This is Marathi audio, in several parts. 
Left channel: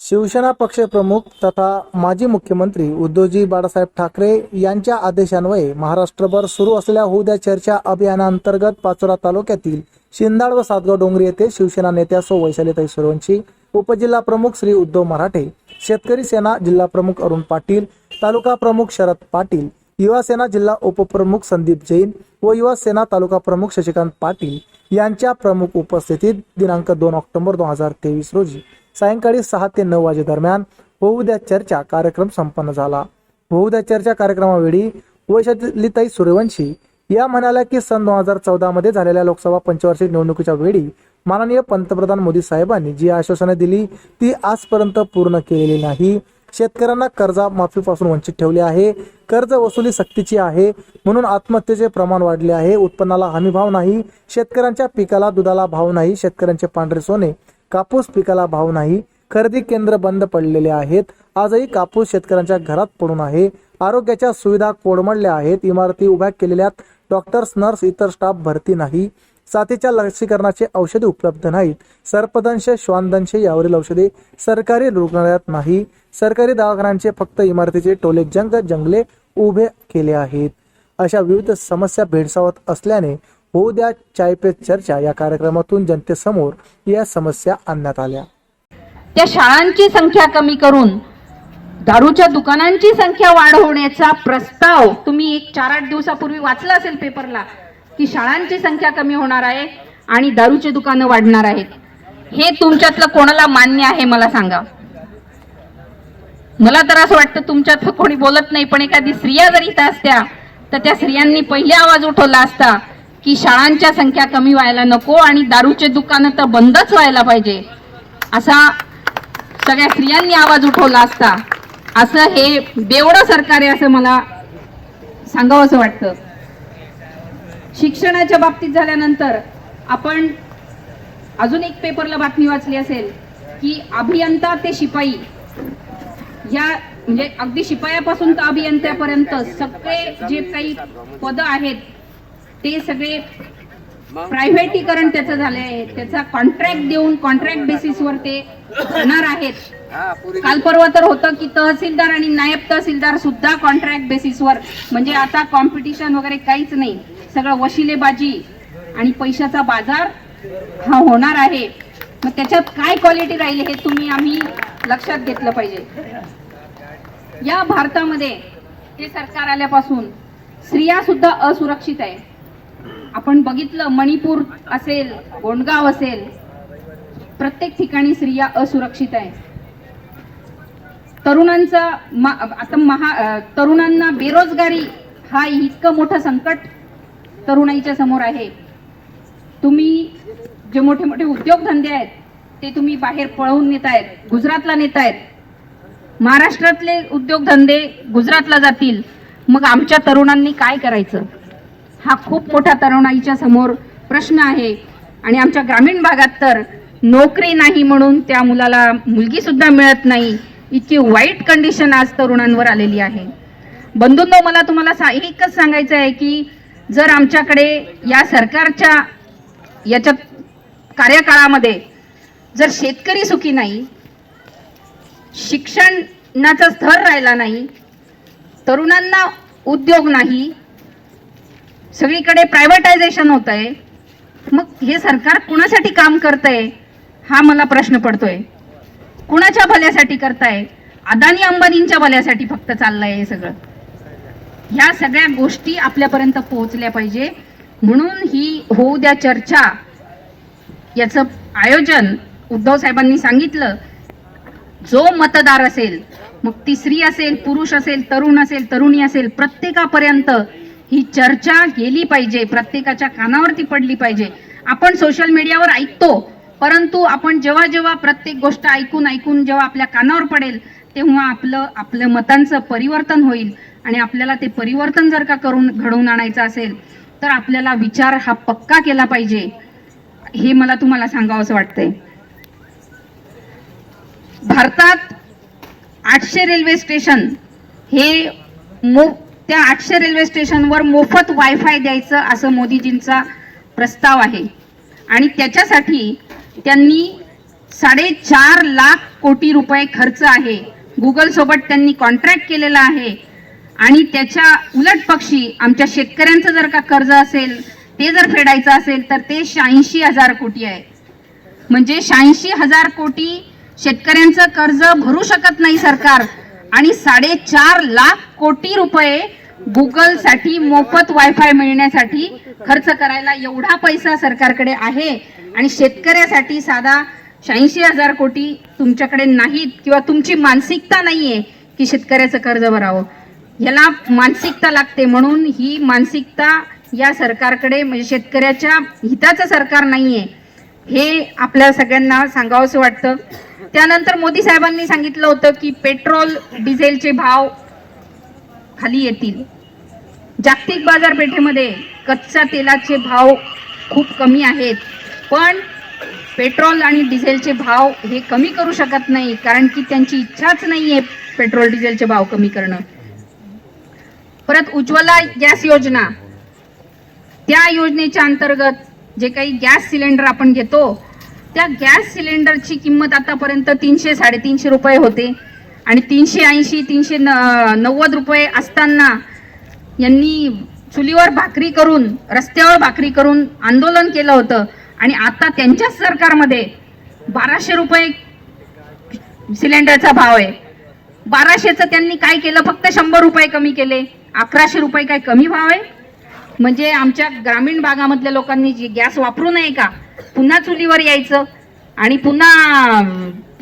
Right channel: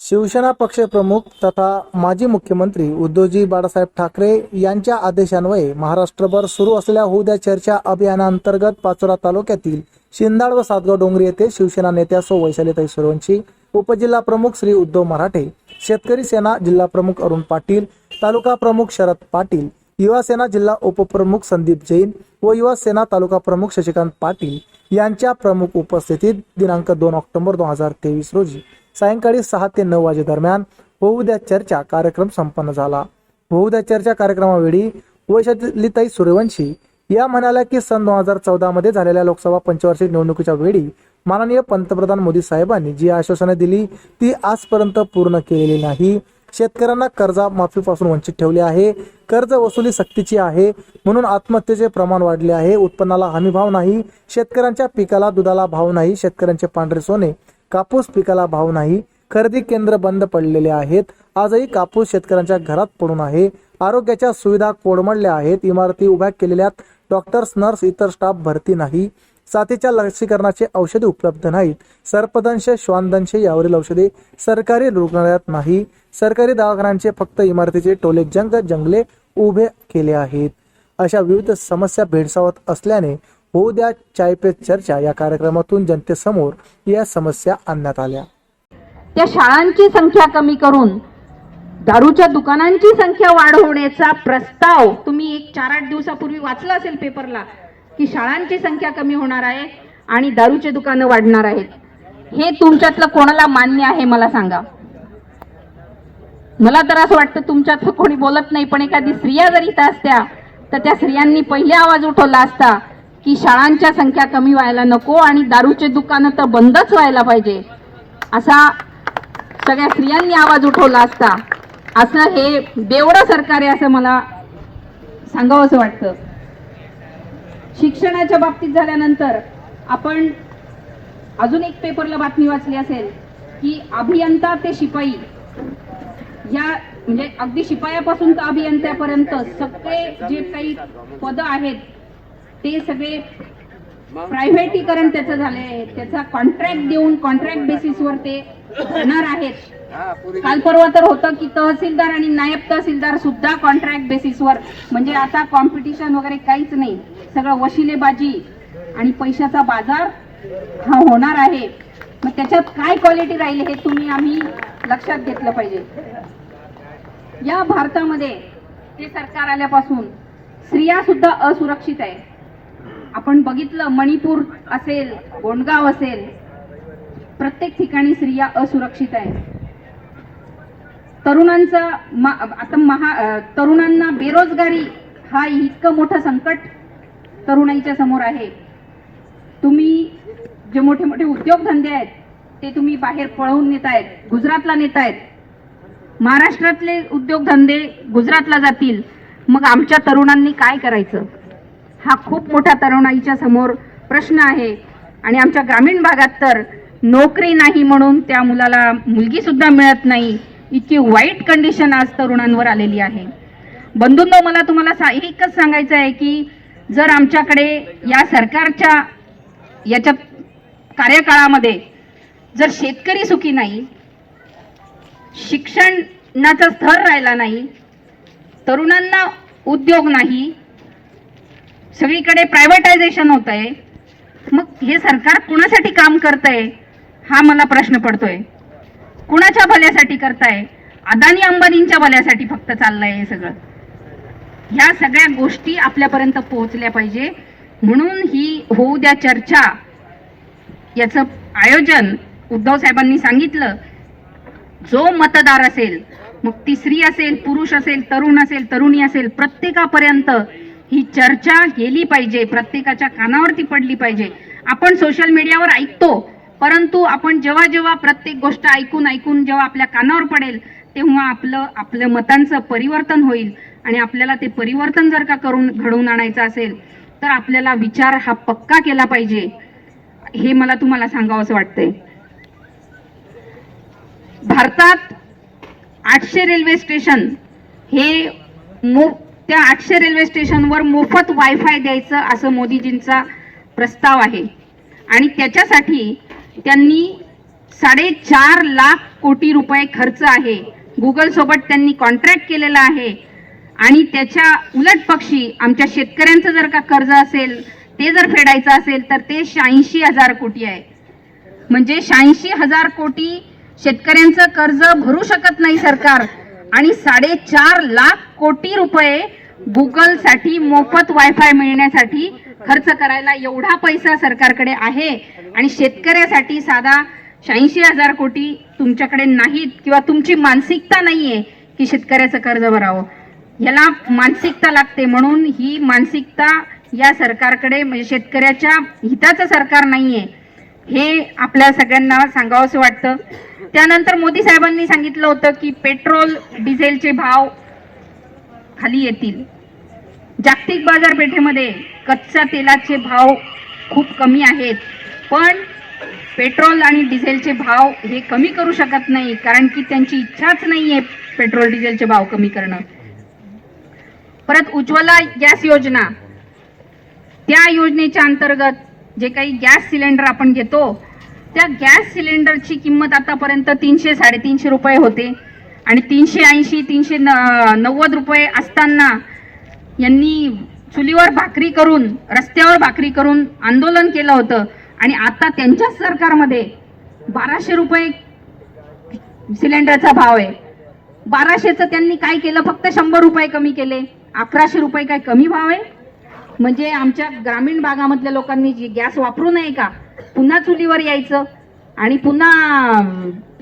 शिवसेना पक्षप्रमुख तथा माजी मुख्यमंत्री उद्धवजी बाळासाहेब ठाकरे यांच्या आदेशान्वये महाराष्ट्रभर सुरू असलेल्या होऊ द्या चर्चा अभियानांतर्गत पाचोरा तालुक्यातील शिंदाड व सातगाव डोंगरी येथे शिवसेना नेत्या सौ वैशालीताई सूर्यवंशी, उपजिल्हा प्रमुख श्री उद्धव मराठे, शेतकरी सेना जिल्हा प्रमुख अरुण पाटील, तालुका प्रमुख शरद पाटील, युवा सेना जिल्हा उपप्रमुख संदीप जैन व युवा सेना तालुका प्रमुख शशिकांत पाटील यांच्या प्रमुख उपस्थितीत दिनांक 2 ऑक्टोबर 2023 रोजी सायंकाळी 6 ते 9 वाजे दरम्यान होऊ द्या चर्चा कार्यक्रम संपन्न झाला। होऊ द्या चर्चा कार्यक्रमावेळी वैशालीताई सूर्यवंशी या म्हणाल्या की सन 2014 मध्ये झालेल्या लोकसभा पंचवार्षिक निवडणुकीच्या वेळी माननीय पंतप्रधान मोदी साहेबांनी जी आश्वासने दिली ती आजपर्यंत पूर्ण केलेली नाही। शेतकऱ्यांना कर्जमाफीपासून वंचित ठेवले आहे, कर्ज वसुली सक्तीची आहे म्हणून आत्महत्येचे प्रमाण वाढले आहे, उत्पन्नाला हमी भाव नाही, शेतकऱ्यांच्या पिकाला दुधाला भाव नाही, शेतकऱ्यांचे पांढरे सोने कापूस पिकाला भाव नाही, खरेदी केंद्र बंद पडलेले आहेत, आजही कापूस शेतकऱ्यांच्या घरात पडून आहे, आरोग्याच्या सुविधा कोडमडल्या आहेत, इमारती उभ्या केलेल्यात, डॉक्टर्स नर्स इतर स्टाफ भरती नाही, साथीच्या लसीकरणाचे औषधे उपलब्ध नाहीत, सर्पदंश श्वानदंश यावरील औषधे सरकारी रुग्णालयात नाही, सरकारी दवाखान्यांचे फक्त इमारतीचे टोले जंगले उभे केले आहेत। अशा विविध समस्या भेडसावत असल्याने होऊ द्या चाय पे चर्चा या कार्यक्रमातून जनतेसमोर या समस्या आणण्यात आल्या। त्या शाळांची संख्या कमी करून दारूच्या दुकानांची संख्या वाढवण्याचा प्रस्ताव तुम्ही 4-8 दिवसापूर्वी वाचला असेल पेपरला की शाळांची संख्या कमी होणार आहे आणि दारूची दुकानं वाढणार आहेत। हे तुमच्यातलं कोणाला मान्य आहे मला सांगा। मला तर असं वाटतं तुमच्यातलं कोणी बोलत नाही, पण एखादी स्त्रिया जरी इथं असत्या तर त्या स्त्रियांनी पहिले आवाज उठवला असता की शाळांच्या संख्या कमी व्हायला नको आणि दारूचे दुकानं तर बंदच व्हायला पाहिजे, असा सगळ्या स्त्रियांनी आवाज उठवला असता। असं हे बेवडं सरकार आहे असं मला सांगावं असं वाटतं। शिक्षणाच्या बाबतीत झाल्यानंतर आपण अजून एक पेपरला बातमी वाचली असेल की अभियंता ते शिपाई या म्हणजे अगदी शिपायापासून तर अभियंत्यापर्यंत सगळे जे काही पद आहेत ते सगळे प्रायव्हेटीकरण त्याचं झालंय, त्याचा कॉन्ट्रॅक्ट देऊन कॉन्ट्रॅक्ट बेसिसवर ते होणार आहेत। काल परवा तर होतं की तहसीलदार आणि नायब तहसीलदार सुद्धा कॉन्ट्रॅक्ट बेसिसवर, म्हणजे आता कॉम्पिटिशन वगैरे काहीच नाही, सगळं वशिलेबाजी आणि पैशाचा बाजार हा होणार आहे। मग त्याच्यात काय क्वालिटी राहील हे आम्ही लक्षात घेतलं पाहिजे। या भारतामध्ये हे सरकार आल्यापासून स्त्रिया सुद्धा असुरक्षित आहे। आपण बघितलं मणिपूर असेल, गोंडगाव असेल, प्रत्येक ठिकाणी स्त्रिया असुरक्षित आहे। तरुणांना बेरोजगारी हा इतकं मोठं संकट तरुणाईच्या समोर आहे। तुम्ही जे मोठे मोठे उद्योगधंदे आहेत ते तुम्ही बाहेर पळवून नेतायत, गुजरातला नेतायत। महाराष्ट्रातले उद्योगधंदे गुजरातला जातील, मग आमच्या तरुणांनी काय करायचं हा खूप मोठा तरुणाईच्या समोर प्रश्न आहे। आणि आमच्या ग्रामीण भागात तर नोकरी नाही म्हणून त्या मुलाला मुलगी सुद्धा मिळत नाही, इतकी वाईट कंडिशन आज तरुणांवर आलेली आहे। बंधूंनो, मला तुम्हाला एकच सांगायचं आहे की जर आमच्याकडे या सरकारच्या याच्या कार्यकाळामध्ये जर शेतकरी सुखी नाही, शिक्षणाचा स्तर राहिला नाही, तरुणांना उद्योग नाही, सगळीकडे प्रायव्हेटायझेशन होत आहे, मग हे सरकार कुणासाठी काम करतंय हा मला प्रश्न पडतोय। कुणाच्या भल्यासाठी करताय? अदानी अंबानींच्या भल्यासाठी फक्त चाललंय हे सगळं। ह्या सगळ्या गोष्टी आपल्यापर्यंत पोहोचल्या पाहिजे, म्हणून ही होऊ द्या चर्चा याचं आयोजन उद्धव साहेबांनी सांगितलं। जो मतदार असेल, मग ती स्त्री असेल, पुरुष असेल, तरुण असेल, तरुणी असेल, प्रत्येकापर्यंत ही चर्चा गेली पाहिजे, प्रत्येकाच्या कानावरती पडली पाहिजे। आपण सोशल मीडियावर ऐकतो, परंतु आपण जेव्हा जेव्हा प्रत्येक गोष्ट ऐकून जेव्हा आपल्या कानावर पडेल तेव्हा आपलं मतांचं परिवर्तन होईल। आणि आपल्याला ते परिवर्तन जर का घडवून आणायचं असेल तर आपल्याला विचार हा पक्का केला पाहिजे, हे मला तुम्हाला सांगावं असं वाटतंय। भारतात 800 रेल्वे स्टेशन हे त्या 800 रेल्वे स्टेशनवर मोफत वायफाय द्यायचं असं मोदीजींचा प्रस्ताव आहे। आणि त्याच्यासाठी त्यांनी 4.5 लाख कोटी रुपये खर्च आहे. गुगल सोबत त्यांनी कॉन्ट्रॅक्ट केलेला आहे आणि त्याच्या उलट पक्षी आमच्या शेतकऱ्यांचं जर का कर्ज असेल ते जर फेडायचं असेल तर ते 86,000 कोटी आहे. म्हणजे 86,000 कोटी शेतकऱ्यांचं कर्ज भरू शकत नाही सरकार आणि 4.5 लाख कोटी रुपये गुगलसाठी मोफत वायफाय मिळण्यासाठी खर्च करायला एवढा पैसा सरकारकडे आहे आणि शेतकऱ्यासाठी साधा 86,000 कोटी तुमच्याकडे नाहीत किंवा तुमची मानसिकता नाहीये की शेतकऱ्याचं कर्ज भरावं. याला मानसिकता लागते म्हणून ही मानसिकता या सरकारकडे म्हणजे शेतकऱ्याच्या हिताचं सरकार नाहीये हे आपल्या सगळ्यांना सांगावंसं वाटतं. त्यानंतर मोदी साहेबांनी सांगितलं होतं की पेट्रोल डिझेलचे भाव खाली येतील. जागतिक बाजारपेठेमध्ये कच्च्या तेलाचे भाव खूप कमी आहेत पण पेट्रोल आणि डिझेलचे भाव हे कमी करू शकत नाही कारण की त्यांची इच्छाच नाहीये पेट्रोल डिझेलचे भाव कमी करणं. परत उज्ज्वला गॅस योजना, त्या योजनेच्या अंतर्गत जे काही गॅस सिलेंडर आपण घेतो त्या गॅस सिलेंडरची किंमत आतापर्यंत 300-350 रुपये होते आणि 380-390 रुपये असताना यांनी चुलीवर भाकरी करून रस्त्यावर भाकरी करून आंदोलन केलं होतं आणि आता त्यांच्याच सरकारमध्ये 1200 रुपये सिलेंडरचा भाव आहे. 1200चं त्यांनी काय केलं, फक्त 100 रुपये कमी केले. 1100 रुपये काय कमी भाव आहे? म्हणजे आमच्या ग्रामीण भागामधल्या लोकांनी जी गॅस वापरू नये का, पुन्हा चुलीवर यायचं आणि पुन्हा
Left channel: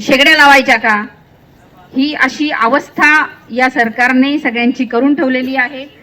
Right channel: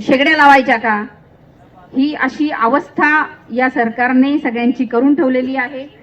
शेगड्या लावायच्या का? ही अशी अवस्था या सरकारने सगळ्यांची करून ठेवलेली आहे.